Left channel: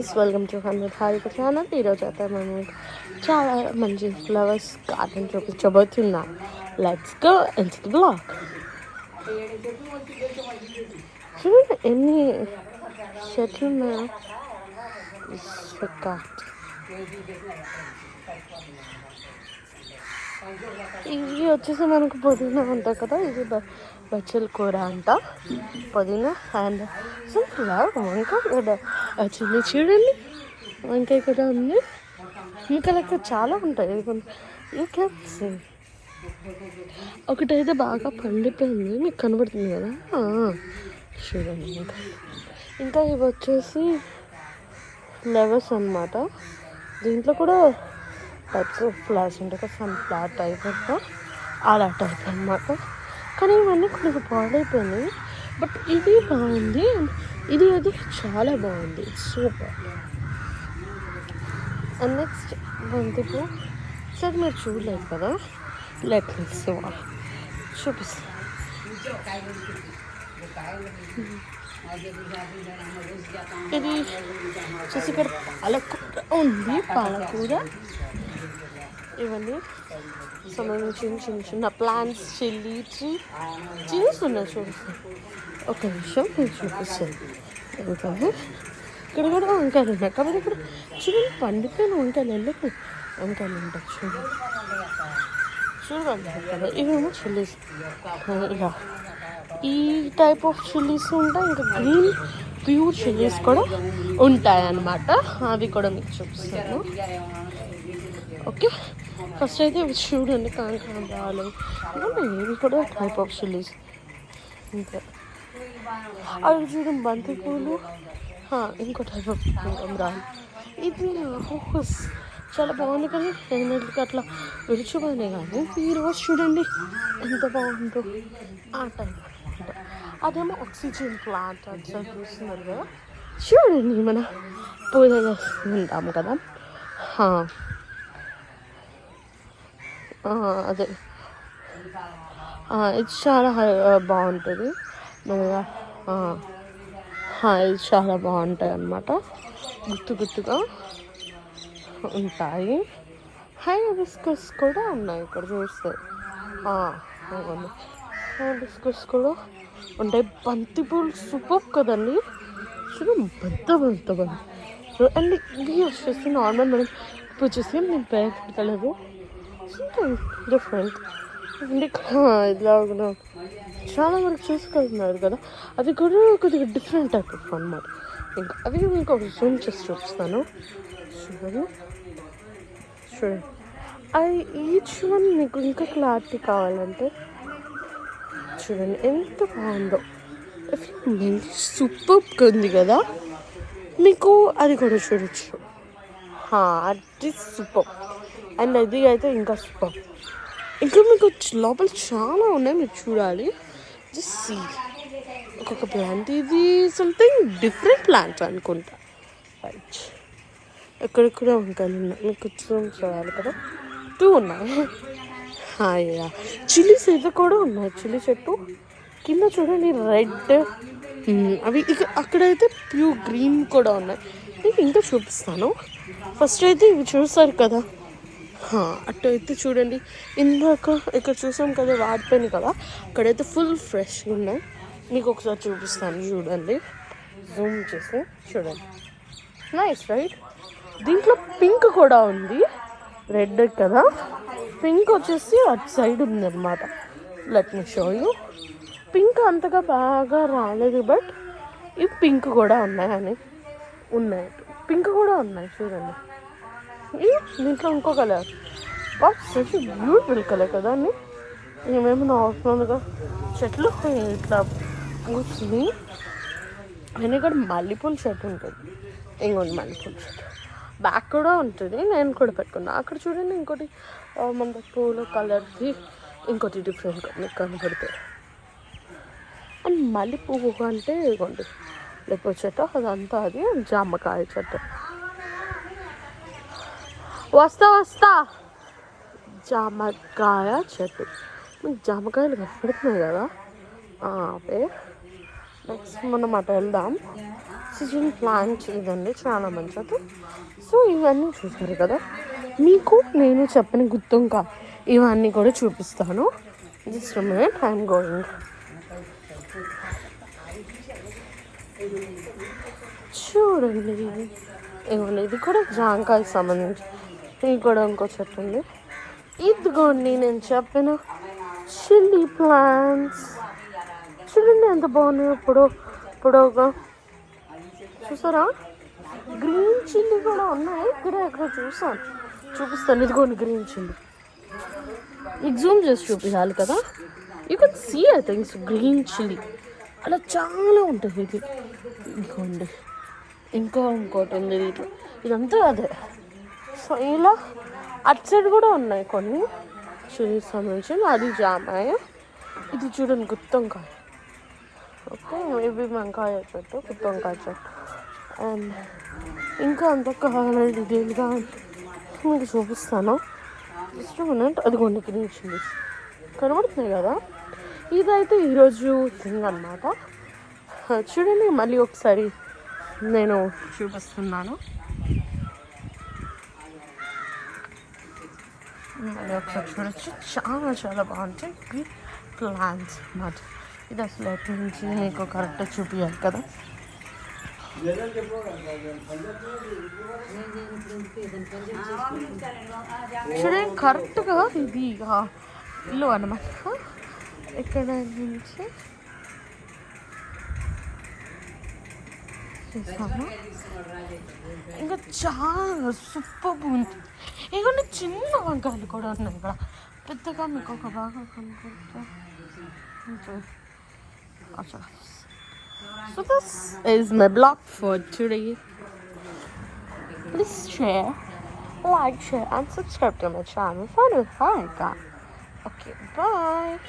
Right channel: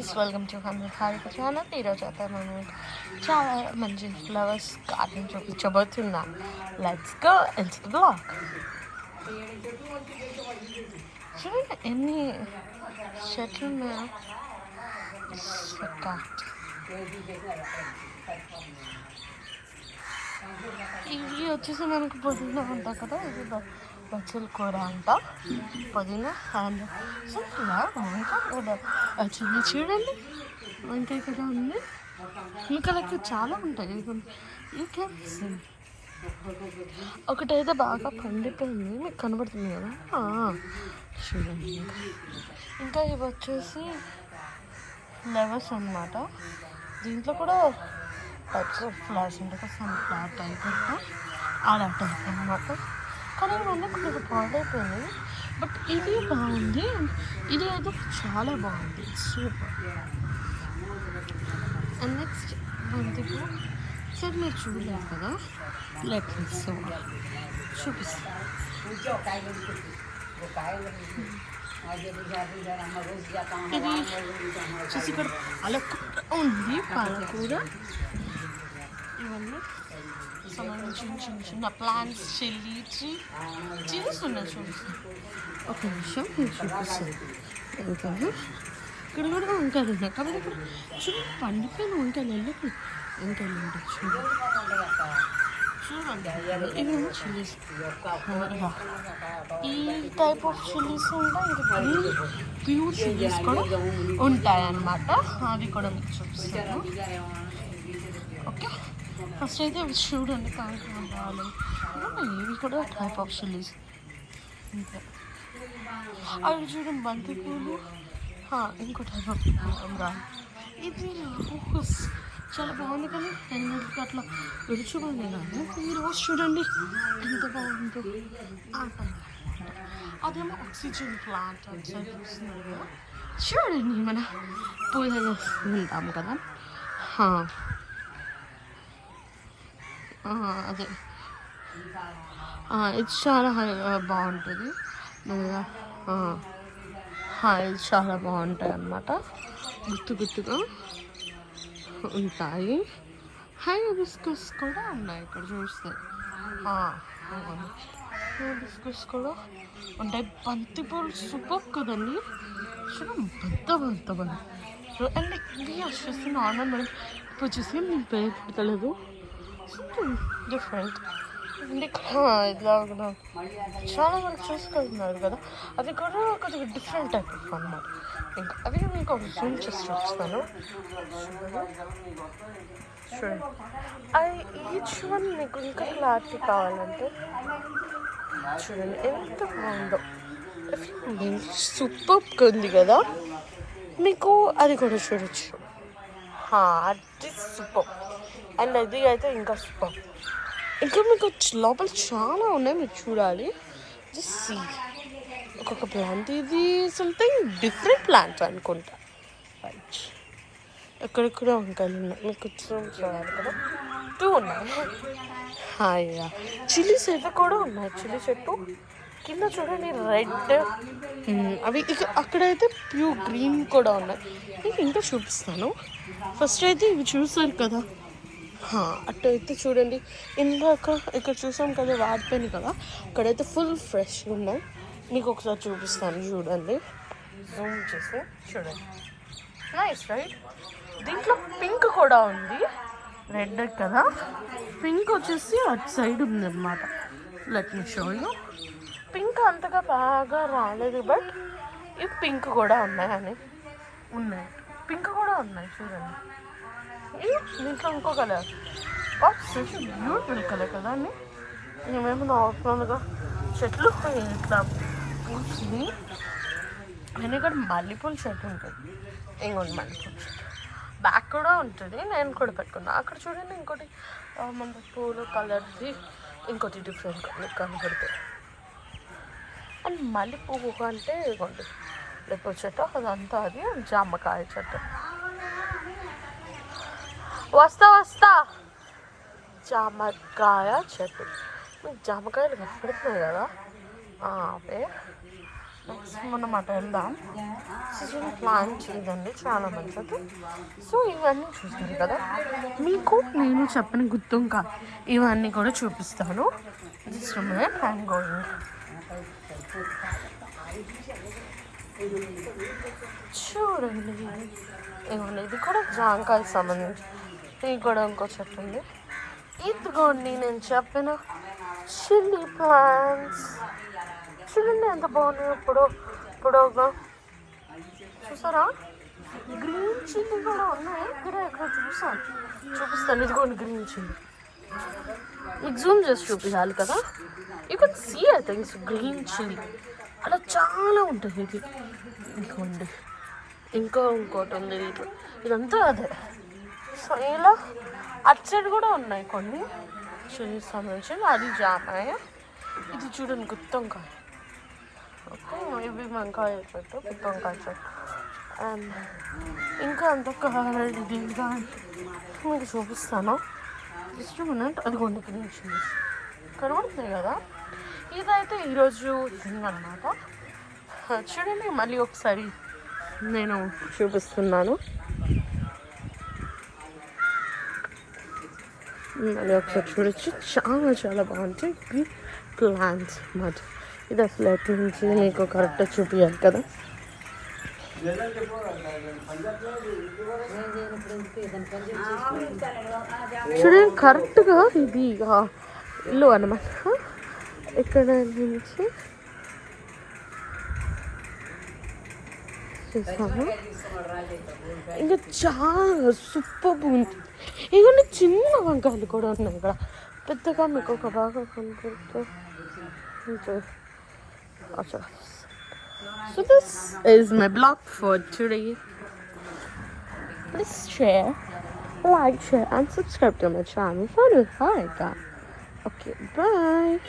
Guys, welcome to 100 Harika channel. ఈరోజు అయితే మేము చాలా మంచి ఫ్లవర్స్ గార్డెన్ చూపించబోతున్నా. Let's go into the blog. చూడండి ఎన్ని చెట్లు ఉన్నాయో. ఇవి వచ్చేసి మనకు పుదీనా ఉంటుంది కదా, ఇది బచ్చల కూర అంట. పుదీనా అండ్ ఫ్లవర్ వంకాయ చిన్న చూడండి, వంకాయ కూడా ఉంది. ఇంకా లెక్క చాలా ఉంటాయి. ఒకటైతే బాగా పండిపోయింది, మీకు కనబడుతుంది కదా, చూడండి. ఇంకా ఇవి వచ్చేసి ఫ్లవర్స్ అన్నమాట. దీంట్లో కూడా టైప్స్ ఆఫ్ ఫ్లవర్స్ ఉంటాయి, సన్ ఫ్లవర్ టైప్ అంటే అలా టైప్ అన్నమాట. కానీ ఇవన్నీ కొంచెం పాడైపోయినాయి. బట్ ఇది బాగుంది, ఇది అయితే చాలా బాగుంది, సూపర్. And next బంతిపూ. సరే మీరు చూడలేదు కదా, లెట్ మీ సీ చూపిస్తాను. ఇది చూసి ఇక్కడ పాలకూర ఉంది, పాలకూర. ఇవన్నీ సో మేము చిన్న చిన్న ప్లాంట్స్, చిల్లీస్ ఉన్నాయి. చూపిస్తాను ఒక నిమిషం, నేను చూపిస్తాను. వంకాయలు ఇక్కడ కూడా వంకాయలు ఉన్నాయి, కానీ ఇక్కడ చూడండి పండిపోయిన వంకాయలు, ఎందుకు వంకాయలు ఉంటాయి చూడండి. ఇవేమో చిల్లీస్. ఇలా ఈ టైప్ ఆఫ్ చిల్లీస్ ఉంటాయి, ఇంకా గ్రీన్ ప్యూర్ చిల్లీస్ కూడా ఉంటాయి అన్నమాట. అవి కూడా మీకు చూపిస్తాను. ఓకే, ఫస్ట్ అయితే ఇవి చూడండి, కాంకాంబరాలు ఇవి కూడా టైప్ ఆఫ్ చిల్లీస్ ఉంటాయి. అవి చూడండి బంతి పూలు, ఇంకో టైప్ ఆఫ్ కాంకాంబరాలు. ఇది చాలా బాగుంది, కానీ ఎనిమిదికి అట్లా విడిచిపోయినాయి. కానీ ఈరోజు చూడండి ఎంత బాగుందో ఆ టైం. అదేమో ఆక్సిజన్ ప్లాంట్ అని చూస్తున్నారు కదా, చూడండి మన పూజలు ఉంటాము కదా, అదే ఇది చాలా బాగుంటుంది. ఇది చాలా బాగుంటాయి అన్నమాట, గుర్తుగా ఉంటాయి. హైబిస్కస్ కూడా ఉన్నాయి ఇక్కడ చూస్తే, హైబిస్కస్ కూడా ఉంటాయి. బంతిపూలు సూపర్ కదండి, పెద్ద. అండ్ ఇవి వచ్చేసి నార్మల్ మనం పూజ చేసి నేను పేరు పెడతలేదు, డిఫరెంట్. అండ్ ఇలా చాలా మంది చూసుకుంటున్నారు కదా, అవి కూడా కొద్దిగా డిఫరెంట్ టైప్ ఆఫ్ అన్నమాట. ఇంకా అవి మీకు ఒక జూమ్ చేసి చూపిస్తాను. చూడండి, అది ఈచ్ వన్ మీకు ఇంకా క్లారిటీ కావాలంటే చూడండి ఎంత బాగుందో. సూపర్ ఉంది కదా, మీకు అది కూడా చూడొచ్చు. అది సూపర్. అండ్ అది అయితే ఇంకా సూపర్. ఇంకా మీకు లోపల చాలా ఉన్నాయి, మీరు చూడాలి. Just see. ఇంకొక ప్లాంట్, ఇది సంథింగ్ డిఫరెంట్ ప్లాంట్ అనుకుంటా. రైట్, ఎక్కడెక్కడ వంకాయలు ఉన్నాయి, మీకు చూడాలి కదా, 2 ఉన్నాయి. చిల్లీస్ ఇది కూడా ఉన్నాయి, చిల్లీ చెట్టు కింద చూడండి రెడ్. అవి ఇక అక్కడైతే ప్యూర్ గ్రీన్ కూడా ఉన్నాయి. ఇది ఇంకా చూపిస్తాను. ఫస్ట్ అయితే ఇవి చూస్తారు కదా, అటు అయితే చూడండి. ఇందాక ఇక్కడ చూసాం కదా, వాడిపోయినాయి కదా, అక్కడైతే ఫుల్ ఫ్రెష్గా ఉన్నాయి. మీకు ఒకసారి చూపిస్తాను, చూడండి, జూమ్ చేసి చూడండి. Nice right. దీంట్లో పింక్ కూడా ఉంది, రెడ్ కదా, పింక్ వచ్చేసి అటు సైడ్ ఉందన్నమాట. Let me show you. Pink అంతగా బాగా రాలేదు, బట్ ఇవి పింక్ కూడా ఉన్నాయి, పింక్ కూడా ఉన్నాయి చూడండి. దీంట్లో ఇంకో కలర్, సచ్ బ్యూటిఫుల్ కలర్ కదా అండి. ఏమేమి నార్మల్గా చెట్లు ఇట్లా పూసుని. నేను ఇక్కడ మల్లెపూల చెట్టు ఉంటుంది, ఇంకోటి మల్లెపూల చెట్టు బ్యాక్ కూడా ఉంటుంది, నేను కూడా పెట్టుకున్నాను. అక్కడ చూడండి ఇంకోటి మన పూల కలర్ది, ఇంకోటి డిఫరెంట్ కనబడుతుంది. అండ్ మల్లెపువ్వు అంటే ఇవ్వండి మల్లెపూల చెట్టు, అదంతా అది జామకాయ చెట్టు. వస్తా జామకాయ చెట్టు. జామకాయలు కనపడుతున్నాయి కదా, అవే నెక్స్ట్ మనం అటు వెళ్దాం. ఆక్సిజన్ ప్లాంట్ ఇవన్నీ చాలా మంచిది. సో ఇవన్నీ చూస్తారు కదా, మీకు నేను చెప్పిన గుర్తుంకా ఇవన్నీ కూడా చూపిస్తాను. Just minute, I'm going. చూడండి, ఇవ్వండి, ఇది కూడా జాంకాయకి సంబంధించి. ఇది కూడా ఇంకో చెట్టు ఉంది. ఇదిగోండి నేను చెప్పిన చిల్లీ ప్లాంట్స్. చూడండి ఎంత బాగున్నాయి. పొడవుగా చూసారా? గ్రీన్ చిల్లీ కూడా ఉన్నాయి. ఇక్కడ ఎక్కడ చూపిస్తాను. ఇదిగోండి గ్రీన్ చిల్లీ. మీకు జూమ్ చేసి చూపించాలి కదా. You can see I thinks green chilli అలా చాలా ఉంటుంది. ఇది ఇదిగోండి, ఇంకోటి ఉంది దీంట్లో. ఇదంతా అదే. సో ఇలా అటు సైడ్ కూడా ఉన్నాయి కొన్ని చిల్లీస్ సంబంధించి. అది జామాయ. ఇది చూడండి గుత్తొంకాయ. ఓకే, మేబీ వంకాయ చెట్టు, గుత్తొంకాయ చెట్టు. అండ్ ఇంకా అంత కావాలండి దేనిగా మీకు చూపిస్తాను. Just minute. అదిగోండి గ్రీన్ చిల్లీస్ కనబడుతుంది కదా. ఇదైతే ఈరోజు థింగ్ అన్నమాట. చూడండి, మళ్ళీ ఒకసారి నేను చూపిస్తున్నాను. మళ్ళీ ఒకసారి చూడొచ్చు. చాలా చాలా బాగుంటాయి ప్లాంట్స్ అన్నమాట. ఇది అసలు ఎట్ల నుంచి మీకు కరెక్ట్గా చూపించాలి కదా. చూడండి కరెక్ట్గా ఇది ఇల్లు అన్నమాట. ఇక్కడ నుంచి చేస్తాము. ఇంకా చాలా సూపర్ ఉంది. ఇవన్నీ చిన్న వంకాయలు కూడా ఉన్నాయి ఇక్కడ. పెద్దగా మీకు ఒక బాగా కనపడుతుంది. So this is my blog for today. Please share, like, share and subscribe to my channel. Fun with Harika. Okay, bye.